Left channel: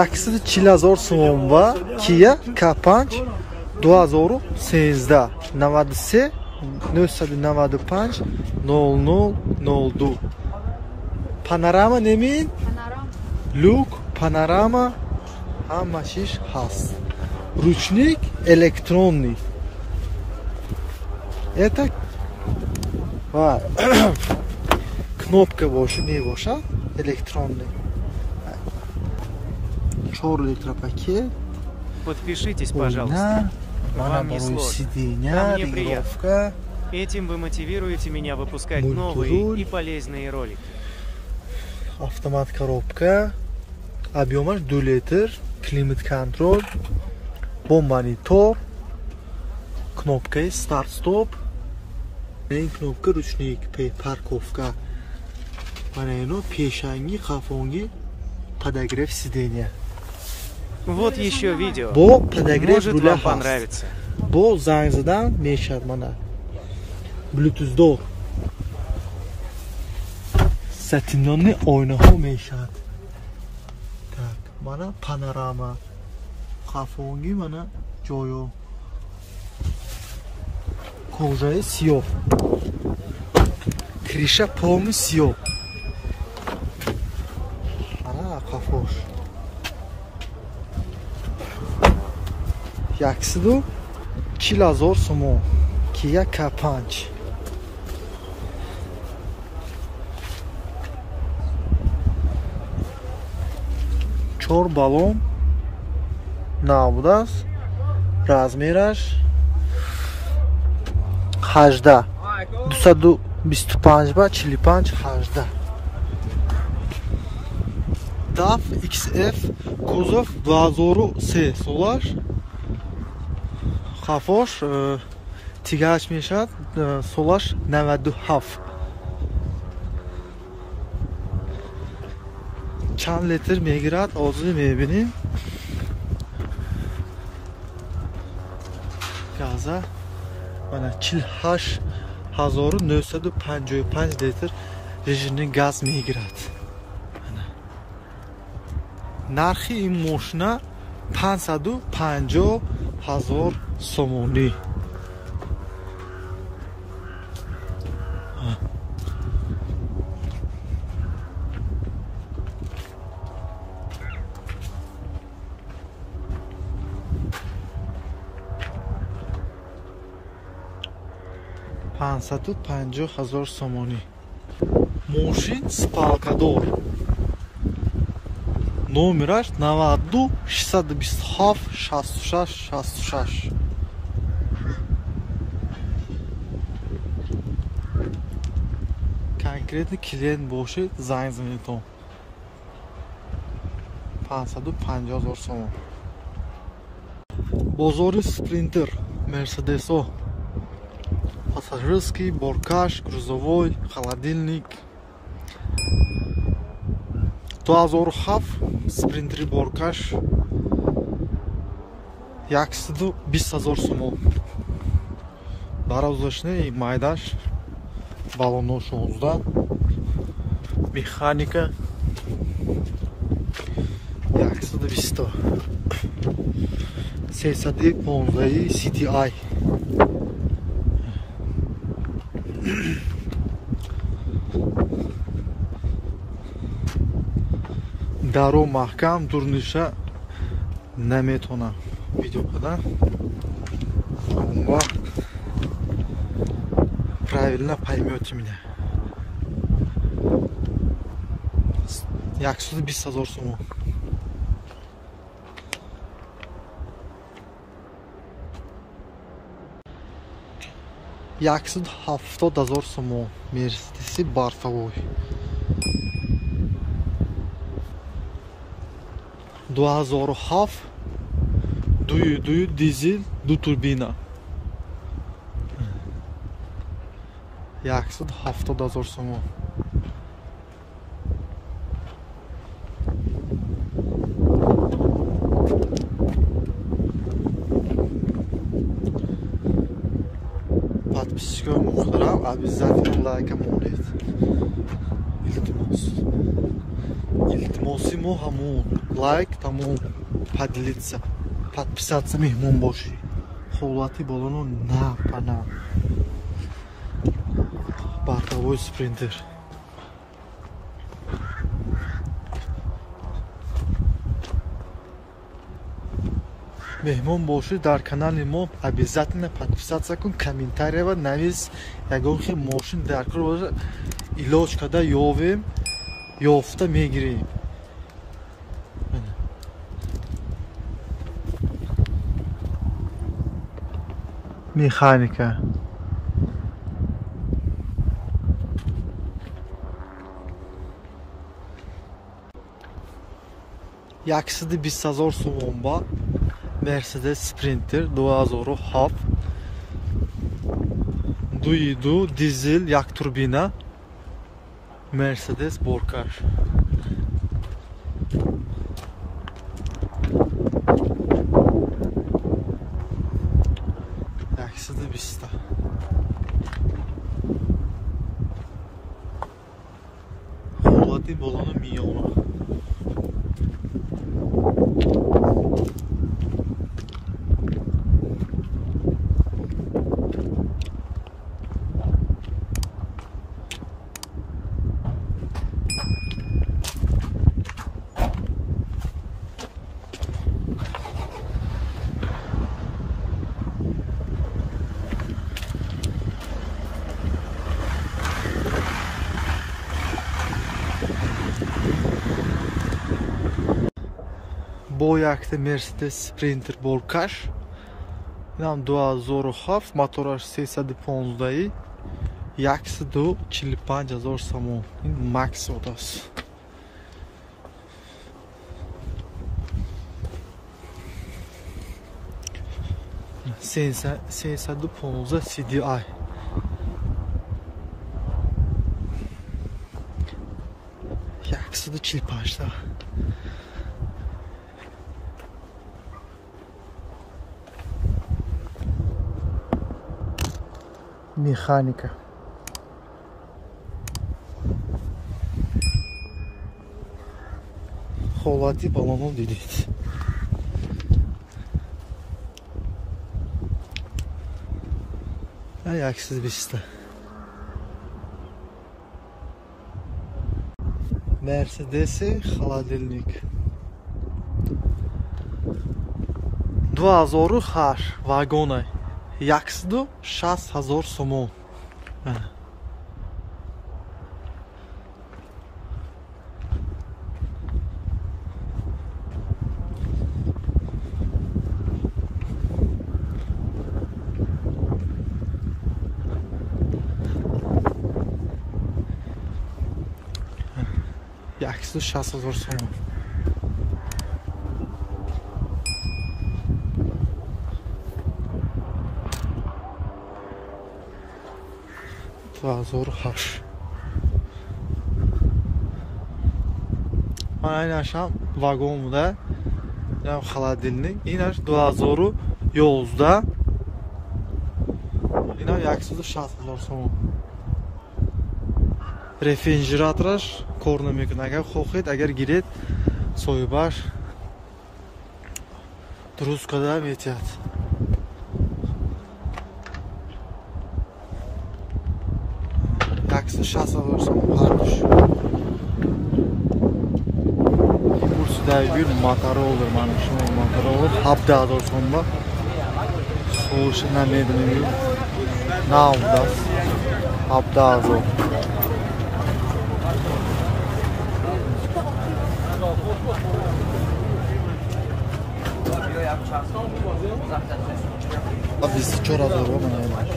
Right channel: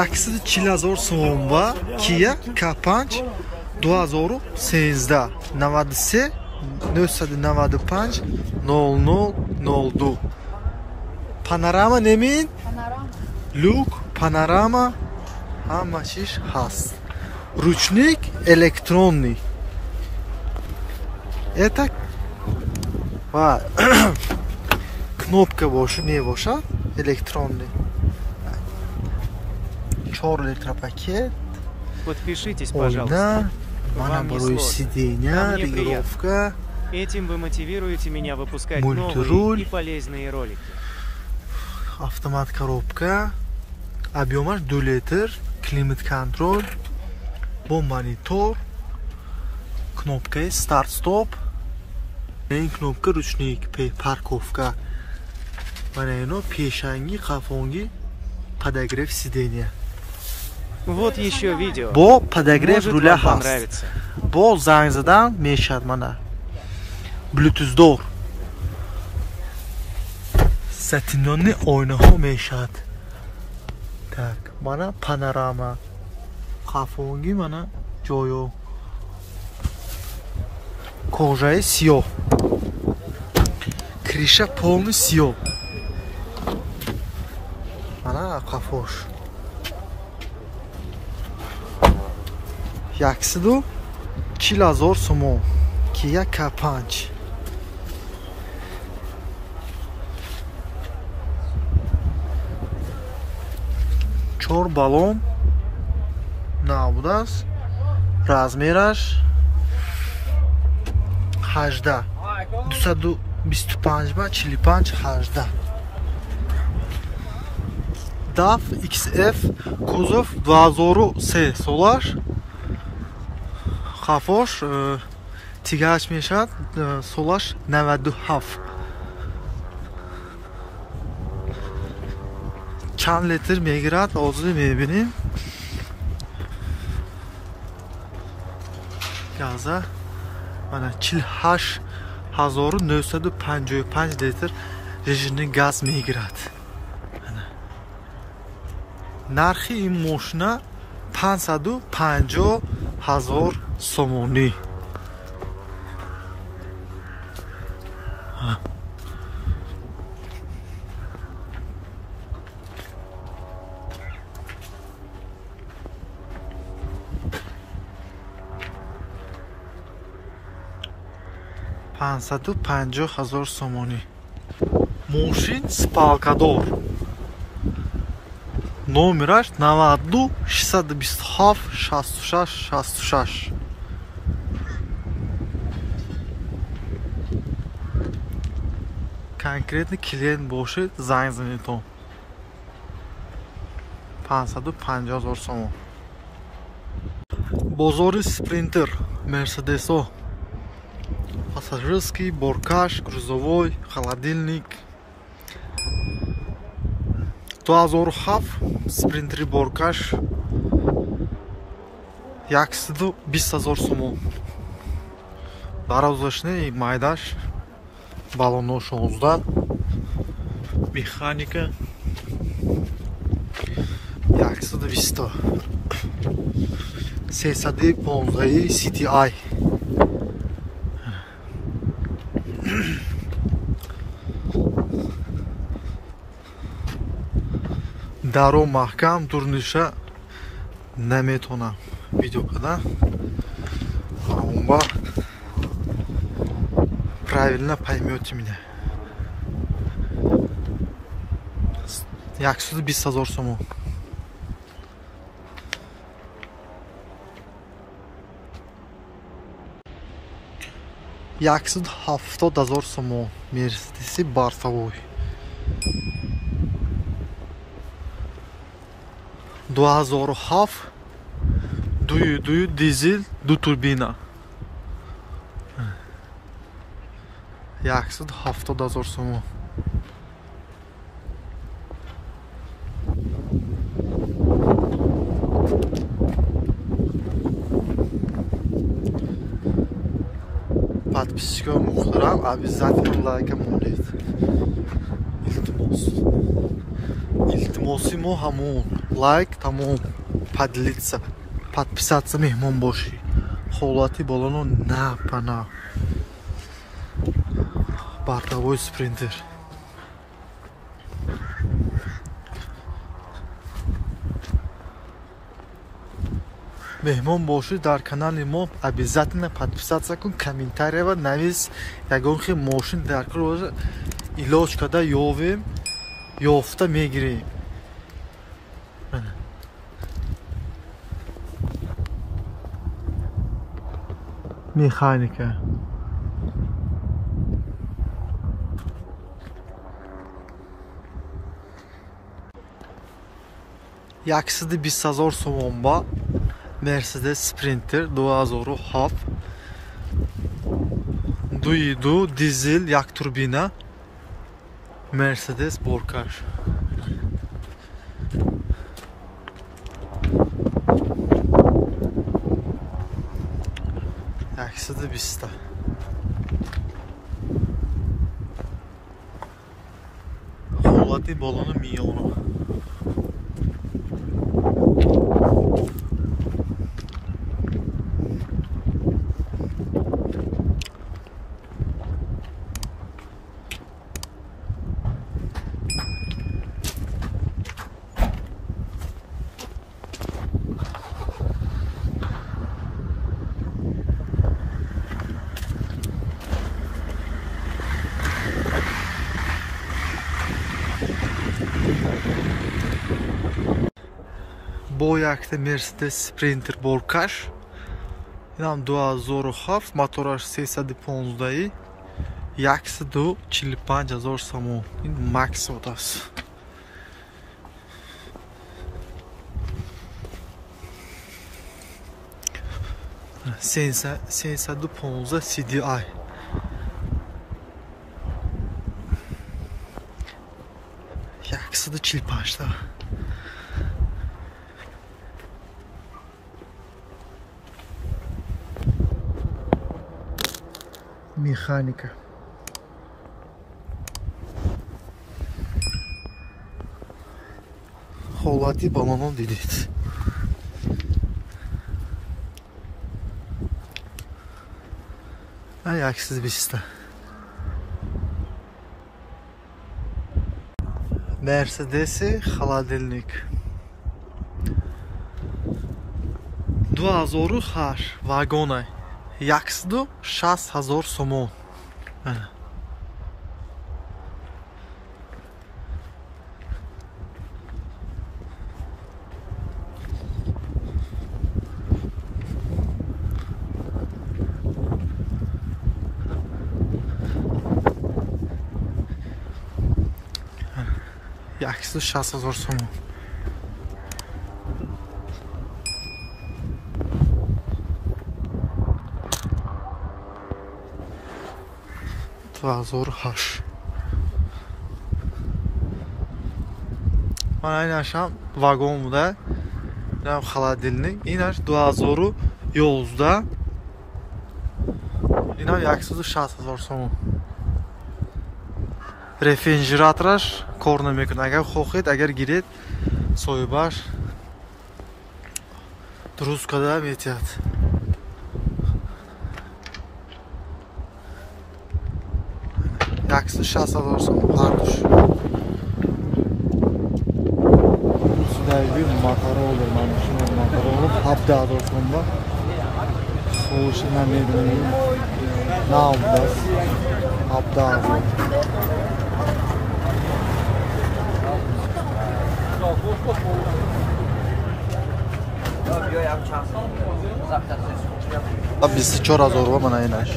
40,000 сомон ва Kia K5 2013 93 995 0002. Panorama nemin? Люк, панорама, ҳама чиз ҳаст. Ручник электронный. Это ва кнопка бошад, мебошад электронный. 4 электропакет. Подпишитесь, пожалуйста. Вам не сложно. А мне приятно. Этим вы мотивируете меня выпускать новые и полезные ролики. Автомат коробка. Объемаш 2 литр. Климат контроль. Бо монитор. Кнопка старт-стоп. این кнопка ручник парковка. Mana ino peshangi, qafongi подогрев сидения. Вот еще видео. Бо подогрев руля вам понравится. Бо занг задан мешад mana. Bluetooth дор. Satinonni oynaho meshad. Так, mana panorama. Qafongi mana joyo. Кожа сиё. Крыша полный сиё. Ana qafosh. 1,000 сомон. Kia K5. Чор балон набудас. Размераш 18 225 ба 45 18. DAF XF кузов 2003 солаш. Qafosh тигаш мешад солаш 97. Чанд литр мегирад озли мебиним. Газа mana 48,955 litr rejimli gaz megiradi. Mana. Narxi in moshina 550,000 somoni. $550,000 somoni. Moshin spalkador. Номераш 92 627 66 66. Конкретный клиент бошед занг занетон. 550,000 сомон. Бозори спринтер Мерседесо. Пассажирский, боркаш, грузовой, холодильник. 2007 спринтери боркаш 120,000 сомон. Дарозашне майдаш балоно 16. Механика 120. 315 CTI. Даро маҳкам дурниша наметонам видео када. Умба правильно поймёте меня. 120,000 сомон. $170,000 сомон. Мерседеси бортовой. 2007 дуй дизель ду турбина. 170,000 сомон. Подписчикам мухтарам, обязательно лайка монед. Илтимос. Илтимоси мо ҳамон лайк, тамом поделиться, подписаться, мehмон боши. Ҳолати болоно напана. Бартавой спринтер. мehмон боши дар канали мо обязательно подписаться кун, комментария ва навис ягон хел мошин дар кор илоҷ када ёвем, ёфта мегирем. Механика. Яксиди 20,000 сомон ба Mercedes Sprinter 2007 2.2 dizel yak turbina Mercedes Borkar. Yaksıdı 20. Холати балону миллиона. Бо якта Mercedes Sprinter Borkar. Инам 2007 мотораш 315 145,000 сомон. Ин макс одас. Sensa 315 CDI. Yaksıdı 45'da. Механика. Холати балону дидит. Ayaksız bir site. Mercedes'i холодильник. 2008 вагоны. Яксду 60,000 сомон. Яксду 60,000 сомон. Zor haş. Aynen akşam vagonda nem холодильник. İner 2000 yolda. İner yaksızı 60,000 сомон. Refrigerator korna mekun. Agar xohid, agar giret soybar. Duruz kadar yetiyat. Yaksı 60,000 сомон harduş. Kursida bir motori olur, mana shu motori olur. 70,000 сомон bor. So'ushi namedini navdas 70,000. Ab 24,000 bor mana enash.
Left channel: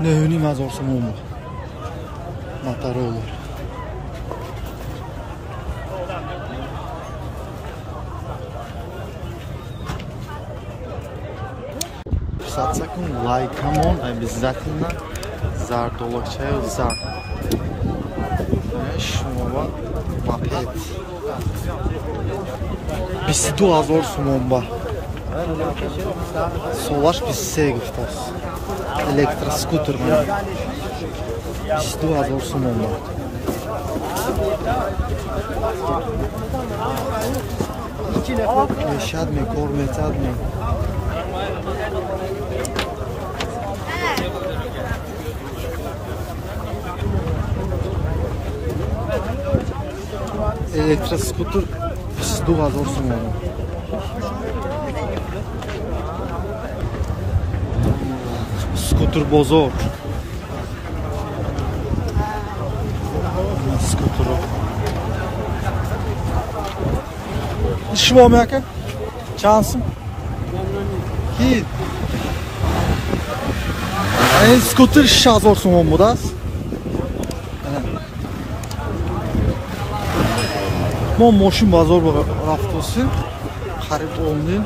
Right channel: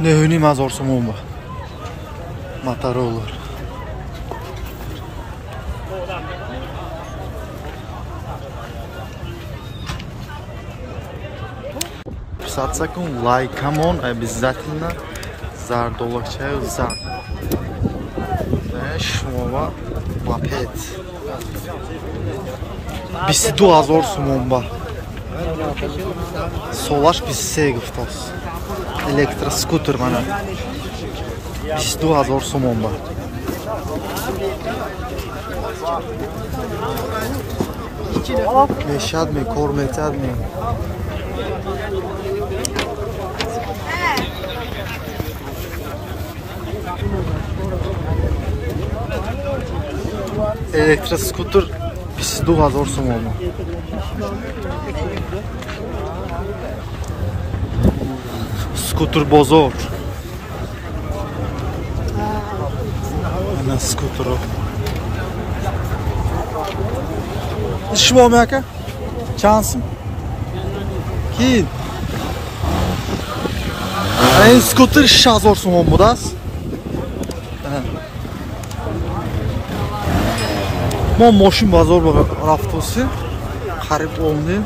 Ne mazor somon bu. Motori olur. Подписаться кун, лайкамон обязательно. Зар доллар чаю зар. شما با مپد 22000 сомон ба солаш 23 гуфтост электроскутер мана 22000 сомон ба мешадме кор метадме электроскутер 22000 сомон ба скутер бозор ана скутеро شما میاکه چانسم کی این سکوتر 6000 سوم بود است ما ماشین بازار رفتیم قریب اومدیم